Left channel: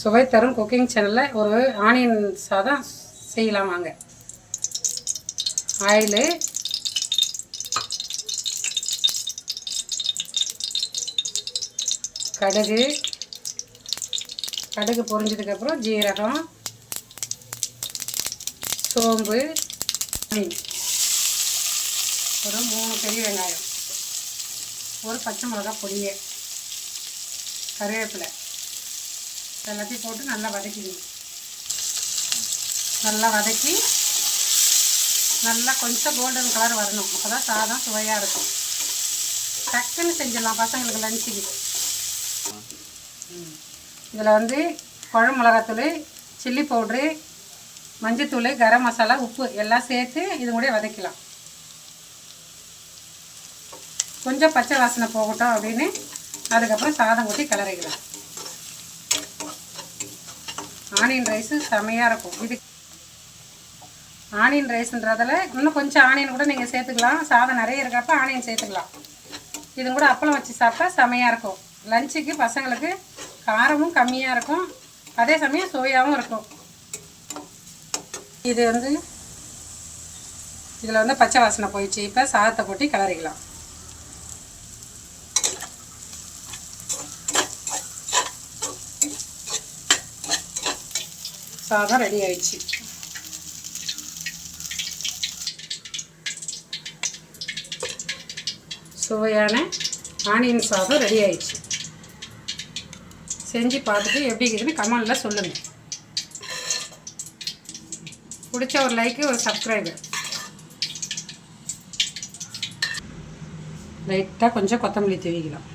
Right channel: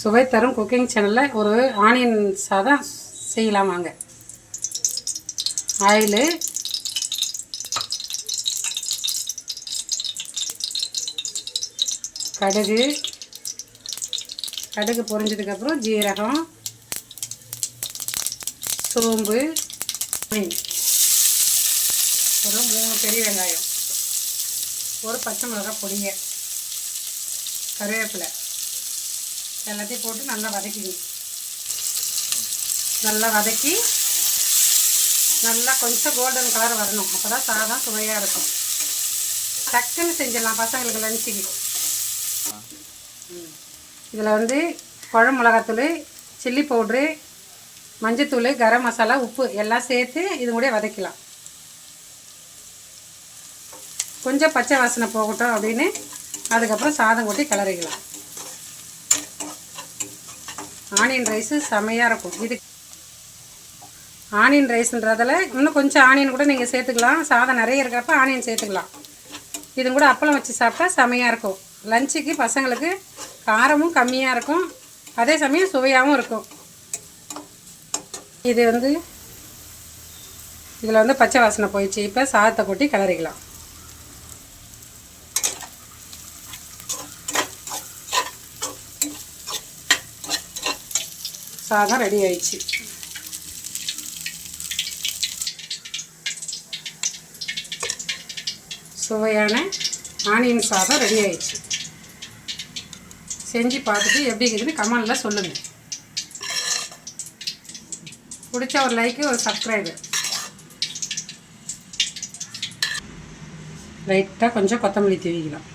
சுவை தரும் குக்கிங் சேனலில் ஒரு ஆனியன் சாதம் செய்யலாம் வாங்க. ஆயிலு, கடுகு பொரிஞ்சதுக்கப்புறம் ஜீரகம், சோம்பு, ஒரு 3 பெரிய வெங்காயம், ஒரு பச்சை மிளகாய் பொடியை, கருவேப்பிலை எல்லாத்தையும் போட்டு நல்லா வதக்கிங்க. நல்லா வதக்கி நல்லா கொஞ்சம் கோல்டன் கலர் வரணும். அப்போ தான் சாதம் சுவையாக இருக்கும். டக்குன்னு செஞ்சிடலாம் பசங்களுக்கு லஞ்சுக்கு. இதில் குழம்பு மிளகாத்தூள், சில்லி பவுட்ரு, மஞ்சத்தூள், கரம் மசாலா, உப்பு எல்லாம் சேர்த்து இது கூட வதக்கலாம். கொஞ்சம் பச்சை வாசனை போகட்டும் அப்படின்னு அதுக்கப்புறம் சாதம் ஊற்றி கிளறிக்கலாம். ஆனியன் ரைஸு செமையாக இருக்கும். இது ஆனியன் ரைஸுன்றதில் இன்னும் கொஞ்சம் ஆனியன் கூட நீங்கள் சேர்த்துக்கலாம். சாதம் நிறைய இருக்கிறப்ப ஆனியன் சேர்த்துக்கலாம். இது கூட அப்பளம் வச்சு சாப்பிட்டா செமையாக இருக்கும். லஞ்சுக்கு பசங்களுக்கு காரமும் கம்மியாக இருக்கும், அதே சமயம் சுவையாகவும் இருக்கும். இது இதில் பச்சை வாசனை போயிடுச்சு. இப்போ சாதத்தை கொட்டி கிளறிக்கலாம். சாதம் ரெடி ஆயிடுச்சு. சுவையான ஆனியன் சாதம் ரெடி ஆயிடுச்சு. செஞ்சு பார்த்துட்டு எப்படி இருக்குதுன்னு கமெண்டில் சொல்லுங்கள். பிடிச்ச ஒரு லைக்கு, ஒரு சப்ஸ்கிரைபர். லைட்டாக கொஞ்சம் கொத்தமல்லி தூவிக்கலாம்.